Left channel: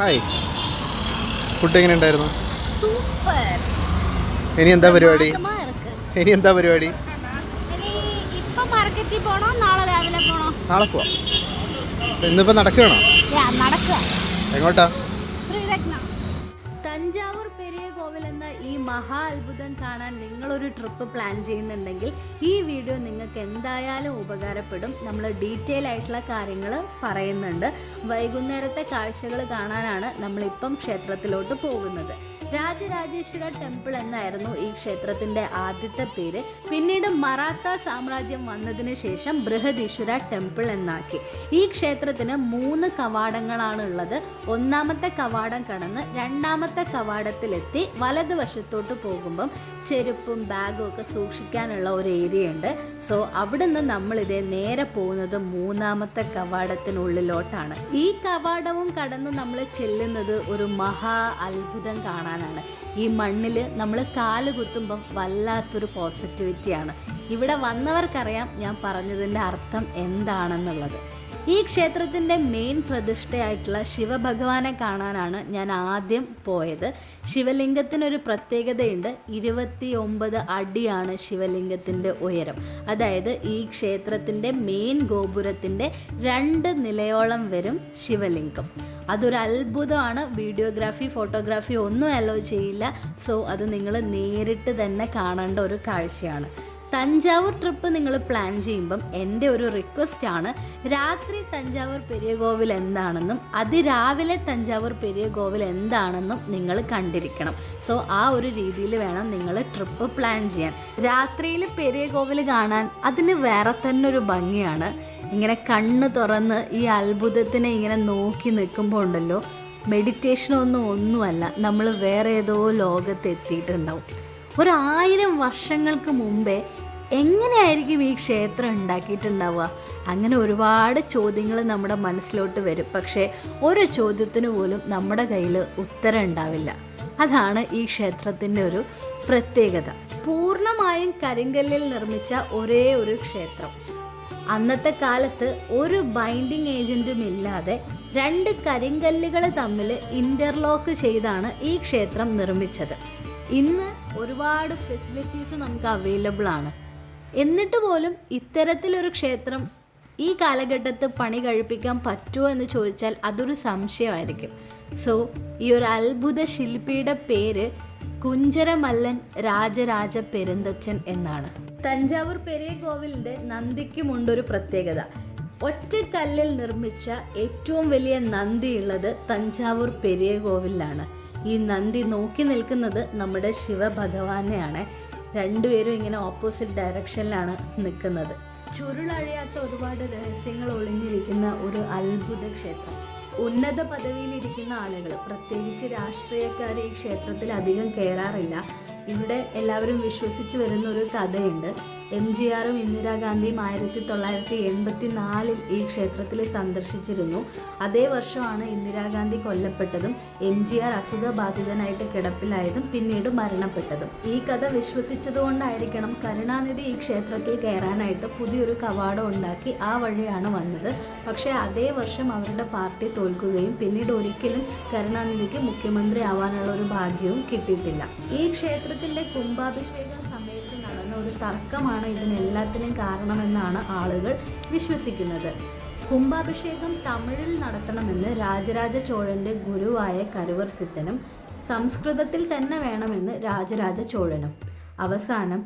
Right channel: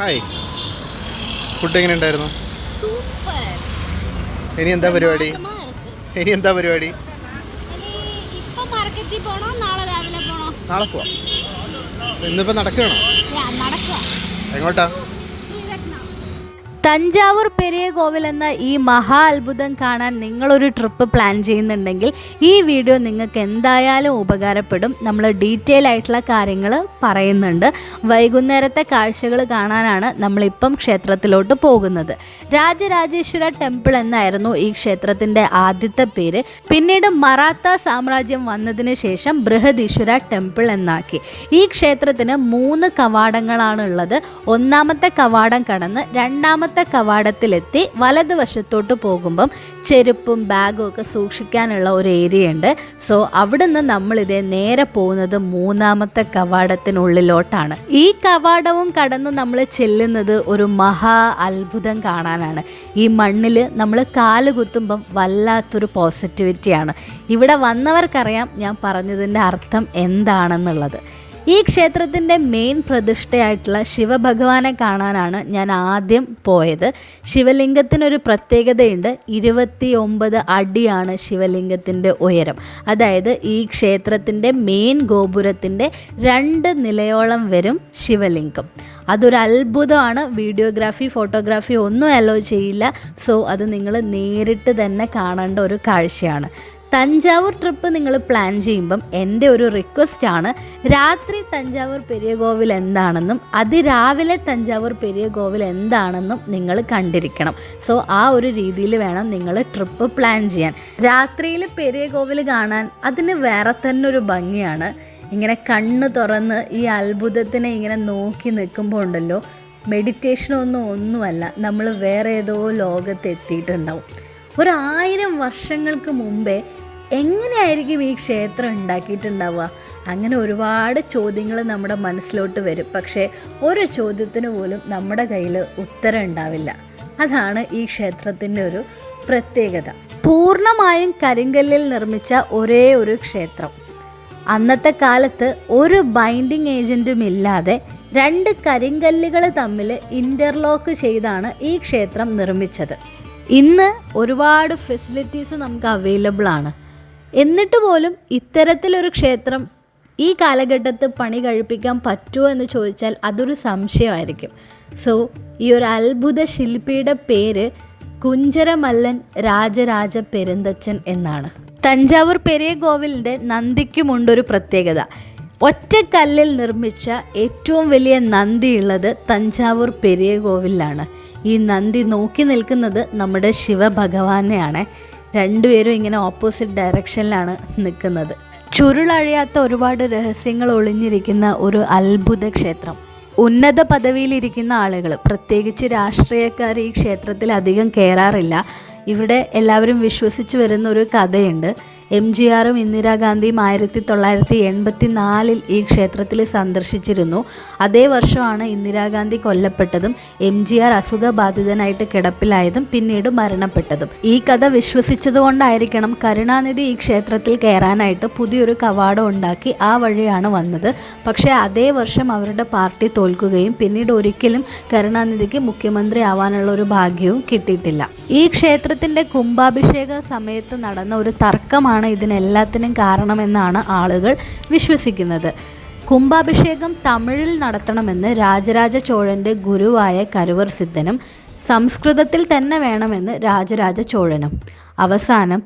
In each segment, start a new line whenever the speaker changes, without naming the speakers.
Hi. Food എങ്ങനെ ഉണ്ടായിരുന്നു?
Super.
ഇനി എന്താ പരിപാടി? ഇനി എന്താ പരിപാടി?
നാളെ
പോവാം. ഇന്നിപ്പോ നടക്കുകയാണോ എങ്ങോട്ടാ?
തഞ്ചാവൂർ പെരിയ കോവിൽ എന്ന ഈ മഹാ അത്ഭുതം കാണാൻ നിങ്ങളൊരു ട്രിപ്പ് പ്ലാൻ ചെയ്യുന്നുണ്ടെങ്കിൽ ഈ വീഡിയോ നിങ്ങൾക്ക് എന്തായാലും ഉപകാരപ്പെടും. നമ്മൾ ഡീറ്റെയിൽ ആയിട്ടുള്ള കാര്യങ്ങൾ പറയുന്നുണ്ട്. വൈകുന്നേരത്തെ കാഴ്ചകൾ കാണാനാണ് നമ്മളിപ്പം ക്ഷേത്രത്തിലോട്ട് പോകുന്നത്. രാജരാജേശ്വര ടെമ്പിൾ എന്നായിരുന്നു ഈ ക്ഷേത്രത്തിന്റെ ആദ്യത്തെ പേര്. പിന്നീട് മറാത്ത സാമ്രാജ്യം വന്നതിന് ശേഷം ബൃഹദീശ്വര ടെമ്പിൾ എന്നാക്കി. ഈ ക്ഷേത്രത്തിന് മൂന്ന് കവാടങ്ങളാണുള്ളത്. ഒന്നാമത്തെ കവാടം കടന്ന് രണ്ടാമത്തെ കവാടത്തിലെത്തി വലതുവശത്തോട്ട് പോകുമ്പം ചെരുപ്പും ബാഗും ഒക്കെ സൂക്ഷിക്കാനുള്ള ഒരു ഏരിയ ഉണ്ട്. സോ അവിടുന്ന് നമ്മളിതേ നേരെ പോകുന്നത് മൂന്നാമത്തെ കവാടത്തിനുള്ളിലോട്ടാണ്. ഈ കവാടവും കടന്ന് നമ്മൾ ചെല്ലുന്നത് ഒരു മഹാ അത്ഭുതം കാണാനാണ്. ഈ മണ്ണിൽ നമ്മൾ കാൽ കുത്തുമ്പം വല്ലാത്തൊരു പോസിറ്റിവിറ്റിയാണ് ഇവിടെ വന്നവർക്കറിയാം ഞാൻ പറഞ്ഞതിന്റെ അർത്ഥം എന്താണെന്നുള്ളത്. ഈ ക്ഷേത്രത്തിന്റെ മെയിൻ പ്രതിഷ്ഠയായിട്ടുള്ള ശിവഭഗവാനെ കാണാനാണ് ഞാൻ ആദ്യം പോയത്. ശിവലിംഗത്തിനൊരു പ്രത്യേകതയുണ്ട്. ഇരുപത്തി ഒമ്പത് അടിയാണ് ശിവലിംഗത്തിന്റെ ഉയരം. അതായത് ഈ ക്ഷേത്രത്തിന്റെ മെയിൻ ഗോപുരത്തിന്റെ രണ്ട് നിലയോളം വരും ശിവലിംഗം. അതൊരു അത്ഭുതമാണ്. വീഡിയോഗ്രാഫി ഫോട്ടോഗ്രാഫി ഒന്നും അലോ ചെയ്യില്ല. സോ അത് നിങ്ങൾ നേരിട്ട് തന്നെ കാണേണ്ട ഒരു കാഴ്ചയാണ്. തഞ്ചാവൂർ ട്രിപ്പ് നിങ്ങൾ പ്ലാൻ ചെയ്യുമ്പം എന്റെ ഒരു റിക്വസ്റ്റ് ആണ്. രാത്രി തഞ്ചാവൂർ പെരിയ കോവിൽ എന്താണെന്നും അതിരാവിലെ തഞ്ചാവൂർ പെരിയ കോവിൽ എന്താണെന്നും നിങ്ങൾ കണ്ടിരിക്കണം. സോ ആ ഒരു രീതിയിൽ വേണം നിങ്ങൾ ട്രിപ്പ് പ്ലാൻ ചെയ്യാൻ. രാത്രിയിൽ പെരിയ കോവിൽ കാണാൻ അതിന് വേറെ തന്നെ ഒരു ഭംഗിയാണ്. ഇങ്ങനെ കണ്ണ് തുറന്ന് ഈ അത്ഭുതത്തിനെ ഇങ്ങനെ നോക്കി നിൽക്കുമ്പോൾ ഉണ്ടല്ലോ മെഡിറ്റേഷനൊന്നും ഒന്നുമല്ല നമ്മൾ വേറെ ഏതോ ലോകത്ത് എത്തിയിട്ടുണ്ടാവും. ഒരു ആയിരം വർഷങ്ങൾക്ക് മുമ്പേ എങ്ങനെയായിരിക്കും ഈ ക്ഷേത്രം ഉണ്ടാക്കിയിട്ടുണ്ടാവുക? അങ്ങനെ ഒരുപാട് ചോദ്യങ്ങൾ നമ്മുടെ മനസ്സിലോട്ട് വരും. പക്ഷേ ഓരോ ചോദ്യത്തിന് പോലും നമ്മുടെ കയ്യിൽ ഉത്തരം ഉണ്ടാവില്ല. അതാണ് ഈ ക്ഷേത്രത്തിന്റെ ഒരു പ്രത്യേകത. പൂർണമായും കരിങ്കല്ലിൽ നിർമ്മിച്ച ഒരേ ഒരു ക്ഷേത്രം. അന്നത്തെ കാലത്ത് ഒരു ബൈൻഡിങ് ഏജന്റും ഇല്ലാതെ രണ്ട് കരിങ്കല്ലുകൾ തമ്മിൽ ഇന്റർലോക്ക് ചെയ്താണ് ഈ ക്ഷേത്രം നിർമ്മിച്ചത്. ഇന്ന് ഒരുപാട് ഫെസിലിറ്റീസ് നമുക്ക് അവൈലബിൾ ആണ്. എന്നിട്ട് പോലും ഇത്തരത്തിലൊരു ക്ഷേത്രം ഈ കാലഘട്ടത്ത് പണി കഴിപ്പിക്കാൻ പറ്റുമോ എന്ന് ചോദിച്ചാൽ അതൊരു സംശയമായിരിക്കും. സോ ഈ ഒരു അത്ഭുത ശില്പിയുടെ പേര് കുഞ്ചരമല്ലൻ രാജരാജ പെരുന്തച്ചൻ എന്നാണ്. തഞ്ചാവൂർ പെരിയ കോവിലിന്റെ നന്ദിക്കുമുണ്ടൊരു പ്രത്യേകത. ഒറ്റക്കല്ലിൽ നിർമ്മിച്ച ഏറ്റവും വലിയ നന്ദിയുള്ളത് തഞ്ചാവൂർ പെരിയ കോവിലാണ് ഈ നന്ദി നോക്കി നിൽക്കുന്നത് നമ്മുടെ ശിവഭഗവാനെയാണ്. രണ്ടുപേരും ഇങ്ങനെ ഓപ്പോസിറ്റ് ഡയറക്ഷനിലാണ് നിൽക്കുന്നത്. ചുരുളഴിയാത്ത ഒരുപാട് രഹസ്യങ്ങൾ ഒളിഞ്ഞിരിക്കുന്ന ഒരു അത്ഭുത ക്ഷേത്രം. ഉന്നത പദവിയിലിരിക്കുന്ന ആളുകൾ പ്രത്യേകിച്ച് രാഷ്ട്രീയക്കാർ ഈ ക്ഷേത്രത്തിൽ അധികം കയറാറില്ല ഇവിടെ എല്ലാവരും വിശ്വസിച്ച് വരുന്ന ഒരു കഥയുണ്ട്. എം ജി ആറും ഇന്ദിരാഗാന്ധിയും ആയിരത്തി തൊള്ളായിരത്തി എൺപത്തി നാലിൽ ഈ ക്ഷേത്രത്തിൽ സന്ദർശിച്ചിരുന്നു. അതേ വർഷമാണ് ഇന്ദിരാഗാന്ധി കൊല്ലപ്പെട്ടതും എം ജി ആർ അസുഖബാധിതനായിട്ട് കിടപ്പിലായതും പിന്നീട് മരണപ്പെട്ടതും. ഈ കഥ വിശ്വസിച്ചതുകൊണ്ടായിരിക്കണം കരുണാനിധി ഈ ക്ഷേത്രത്തിൽ കയറാനായിട്ട് പുതിയൊരു കവാടം ഉണ്ടാക്കി ആ വഴിയാണ് വന്നത്. പക്ഷേ അതേ വർഷം അവരുടെ പാർട്ടി തോൽക്കുകയും പിന്നീട് ഒരിക്കലും കരുണാനിധിക്ക് മുഖ്യമന്ത്രി ആവാനുള്ള ഒരു ഭാഗ്യവും കിട്ടിയിട്ടില്ല. ഈ ക്ഷേത്രത്തിന്റെ കുംഭാഭിഷേക സമയത്ത് നടന്ന ഒരു തർക്കമാണ് ഇതിനെല്ലാത്തിനും കാരണമെന്നാണ് ആളുകൾ വിശ്വസിക്കുന്നത്. കുംഭാഭിഷേകം തമിഴിൽ നടത്തണമെന്ന് രാജരാജ ചോഴന്റെ ഗുരുവായ കരുവർ സിദ്ധനും സംസ്കൃതത്തിൽ തന്നെ വേണമെന്ന് രാജരാജ ചോഴനും. അവസാനം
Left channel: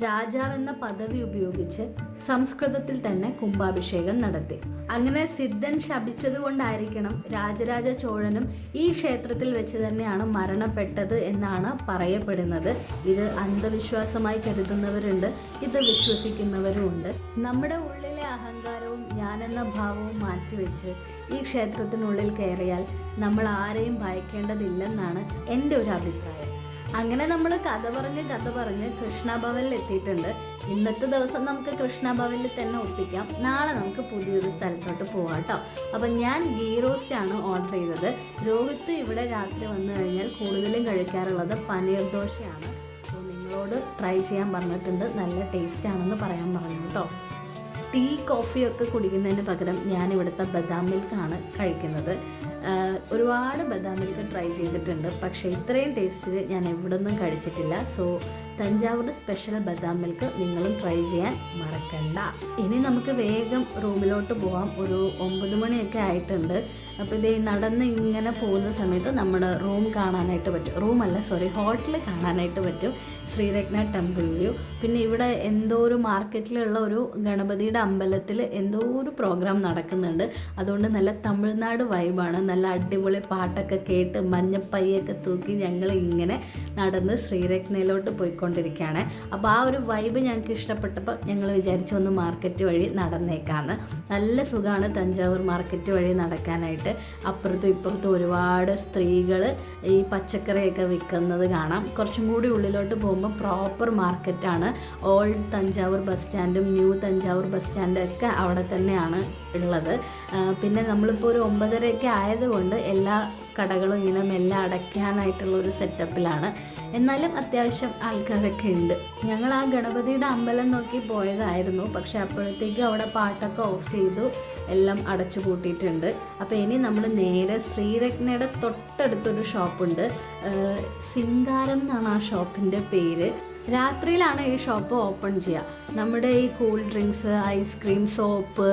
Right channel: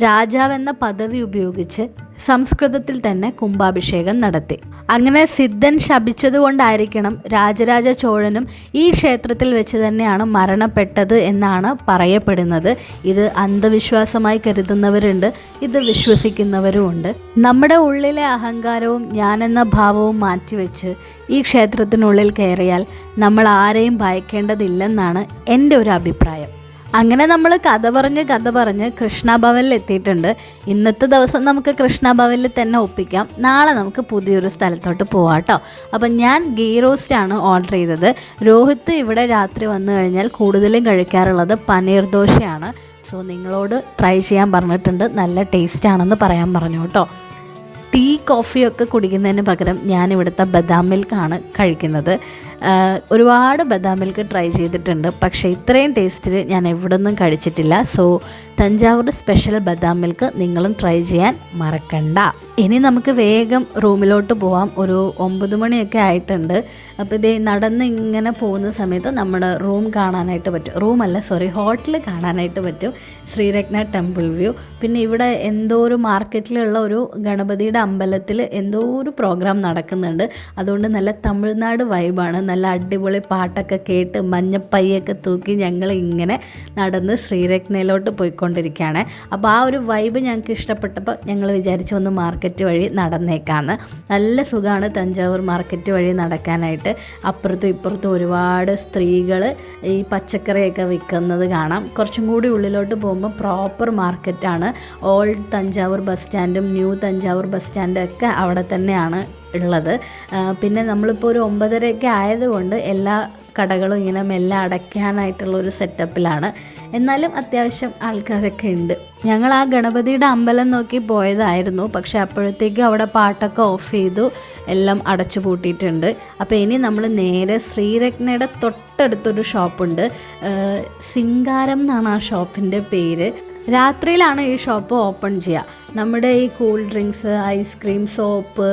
രാജാവെന്ന പദവി ഉപയോഗിച്ച് സംസ്കൃതത്തിൽ തന്നെ കുംഭാഭിഷേകം നടത്തി. അങ്ങനെ സിദ്ധൻ ശപിച്ചതുകൊണ്ടായിരിക്കണം രാജരാജ ചോഴനും ഈ ക്ഷേത്രത്തിൽ വെച്ച് തന്നെയാണ് മരണപ്പെട്ടത് എന്നാണ് പറയപ്പെടുന്നത്. ഇത് അന്ധവിശ്വാസമായി കരുതുന്നവരുണ്ട് ഇത് വിശ്വസിക്കുന്നവരുമുണ്ട്. നമ്മുടെ ഉള്ളിലെ അഹങ്കാരവും ഞാനെന്ന ഭാവവും മാറ്റിവെച്ച് ഈ ക്ഷേത്രത്തിനുള്ളിൽ കയറിയാൽ നമ്മൾ ആരെയും ഭയക്കേണ്ടതില്ലെന്നാണ് എന്റെ ഒരു അഭിപ്രായം. അങ്ങനെ നമ്മൾ കഥ പറഞ്ഞ് കഥ പറഞ്ഞ് കൃഷ്ണഭവനിൽ എത്തിയിട്ടുണ്ട്. ഇന്നത്തെ ദിവസം നമുക്ക് കൃഷ്ണഭവനിൽ തന്നെ ഒപ്പിക്കാം. നാളെ നമുക്ക് പുതിയൊരു സ്ഥലത്തോട്ട് പോവാം കേട്ടോ. അപ്പം ഞാൻ ഗീ റോസ്റ്റാണ് ഓർഡർ ചെയ്തത്. രോഹിത്ത് ഇവിടെ രാത്രി വന്നു കഴിഞ്ഞാൽ കൂടുതലും കഴിക്കാറുള്ളത് പനീർ ദോശയാണ്. സോ നിങ്ങളോട് ട്രൈ ചെയ്യാൻ പറഞ്ഞിട്ടുണ്ട്. നല്ല ടേസ്റ്റ് ആണെന്ന് പറയാൻ പറഞ്ഞു കേട്ടോ. ടീ കോഫിയൊക്കെ കുടിക്കുന്നതിന് പകരം ഞാനിവിടുത്തെ ബദാം മിൽക്കാണ് കഴിക്കുന്നത്. ഒരുപാട് ബദാം മിൽക്ക് ട്രൈ ചെയ്തിട്ടുണ്ട്. പക്ഷേ ഇത്രയും ടേസ്റ്റിൽ ഞാൻ എവിടെ നിന്നും കഴിച്ചിട്ടില്ല. സോ തഞ്ചാവൂർ സ്പെഷ്യൽ ബദാം മിൽക്ക് നിങ്ങളും ട്രൈ ചെയ്യാൻ മറക്കണ്ട. ഇനി നമുക്ക് വേഗം റൂമിലോട്ട് പോവാം. ഒരു ഒമ്പത് മണിയൊക്കെ ആയിട്ടുണ്ട്. അപ്പോൾ ഇതേ നടന്ന് ഇങ്ങനെ പോകുന്ന സമയത്ത് നമ്മുടെ റൂം കാണാനായിട്ട് പറ്റും. റൂമല്ല സോറി ഹോട്ടൽ കാണാനായിട്ട് പറ്റും. Sriratna temple view. പിന്നെ ഇവിടെ എന്തോ ഒരു മാർക്കറ്റിലുള്ള ഒരു ഗണപതിയുടെ അമ്പലത്തിൽ എന്തോ ഒരു പ്രോഗ്രാം നടക്കുന്നുണ്ട്. അതുകൊണ്ട് നല്ല തമിഴ്നാട് വൈബാണ്. നല്ല അടിപൊളി പാട്ടൊക്കെ കേട്ട് മഞ്ഞപ്പയ്യൊക്കെ തൂക്കി ഞങ്ങൾ ഇങ്ങനെ നടന്ന് ശ്രീരത്നയിലോട്ട് പോയിക്കൊണ്ടിരിക്കുകയാണ്. അപ്പോൾ ആ ഒരു വൈബ് ഞങ്ങൾക്ക് ഇഷ്ടപ്പെട്ടപ്പോൾ ഞങ്ങൾ വിചാരിച്ചു ഒന്ന് മാർക്കറ്റ് വഴി നടന്നേക്കാന്ന്. നല്ല സുഖമാണ് തഞ്ചാവൂർ മാർക്കറ്റ് വഴി നടക്കാനായിട്ട്. അപ്പുറത്തും ഇപ്പുറത്തും ഒരുപാട് സ്ത്രീകൾ ഈ പച്ചക്കറിയൊക്കെ വിൽക്കുന്നത് കാണാം. കുറച്ചും കൂടി ഉള്ളിലോട്ട് പോകുമ്പോൾ പ്രോപ്പർ മാർക്കറ്റാണ് ഓൾഡ് തഞ്ചാവൂർ ബസ് സ്റ്റാൻഡും ന്യൂ തഞ്ചാവൂർ ബസ് സ്റ്റാൻഡും ഒക്കെ അവിടെ തന്നെയാണ് ഉള്ളത്. പിന്നെ നമ്മളിപ്പോൾ ഒരു ഒമ്പതരയൊക്കെ ആയതുകൊണ്ട് എല്ലാ കടകളും ഇങ്ങനെ മെല്ലെ അടയ്ക്കാനായിട്ടുള്ള ഒരു സെറ്റപ്പിലാണ് എന്നാലും അത്യാവശ്യം ആൾക്കാരൊക്കെ ഉണ്ട്. ഞങ്ങൾ ആ ഗണപതിയുടെ അമ്പലം നോക്കി പോയതായിരുന്നു. പക്ഷെ അപ്പോഴത്തേക്കും അവിടെ പാട്ടൊക്കെ ഓഫ് ചെയ്തു എല്ലാം അടച്ചു പൂട്ടിയിട്ടുണ്ട്. അപ്പോൾ ഇനി നമ്മൾ നേരെ ശ്രീരത്നയുടെ തൊട്ടടുത്തൊരു ഷോപ്പുണ്ട്. സിംഗാരം എന്നാണ് ആ ഷോപ്പിന്റെ പേര്. രാത്രിയിലാണ് ഈ ഷോപ്പ് ഓപ്പൺ ചെയ്യുക. നമ്മുടെ ഈ cool drinks ice cream soap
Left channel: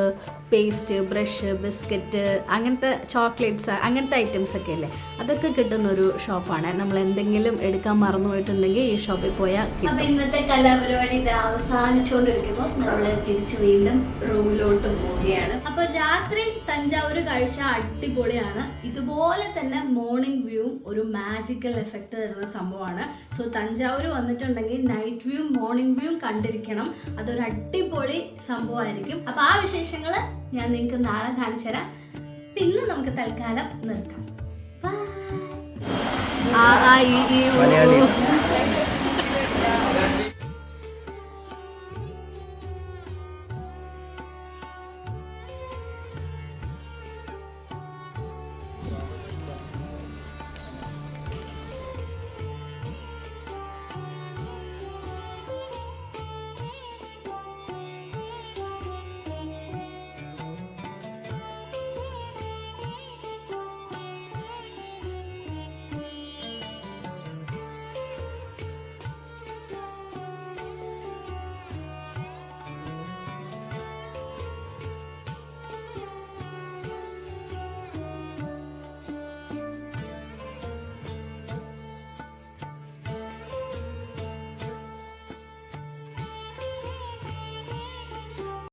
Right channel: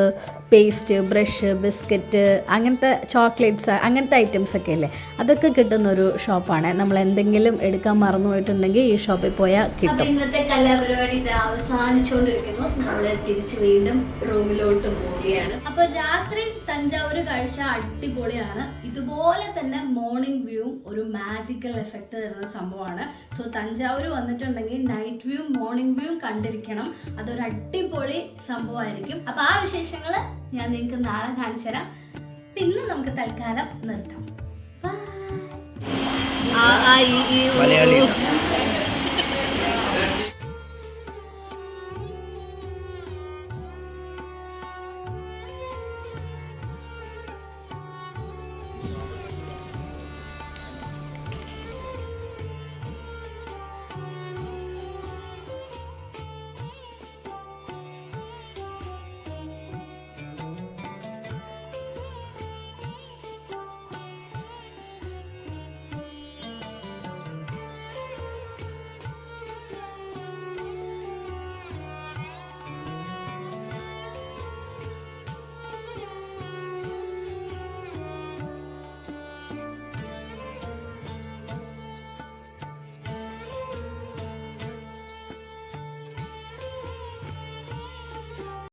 paste brush biscuit അങ്ങനത്തെ ചോക്ലേറ്റ്സ് അങ്ങനത്തെ ഐറ്റംസ് ഒക്കെ അല്ലേ അതൊക്കെ കിട്ടുന്ന ഒരു ഷോപ്പാണ് നമ്മൾ എന്തെങ്കിലും എടുക്കാൻ മറന്നു പോയിട്ടുണ്ടെങ്കിൽ ഈ ഷോപ്പിൽ പോയാൽ കിട്ടും. ഇന്നത്തെ കലാപരിപാടി ഇത് അവസാനിച്ചുകൊണ്ടിരിക്കുമ്പോൾ നമ്മൾ തിരിച്ച് വീണ്ടും റൂമിലോട്ട് പോവുകയാണ്. അപ്പോൾ രാത്രി തഞ്ചാവൂർ കാഴ്ച അടിപൊളിയാണ്. ഇതുപോലെ തന്നെ മോർണിംഗ് വ്യൂവും ഒരു മാജിക്കൽ എഫക്റ്റ് തരുന്ന സംഭവമാണ്. സോ തഞ്ചാവൂർ വന്നിട്ടുണ്ടെങ്കിൽ നൈറ്റ് വ്യൂ മോർണിംഗ് വ്യൂ കണ്ടിരിക്കണം. അതൊരു അടിപൊളി സംഭവമായിരിക്കും അപ്പോൾ ആ വിശേഷങ്ങൾ ഞാൻ നിങ്ങൾക്ക് നാളെ കാണിച്ചു തരാം പിന്നെ നമുക്ക് തൽക്കാലം നിർത്താം Bye. ആ ആ ഈ.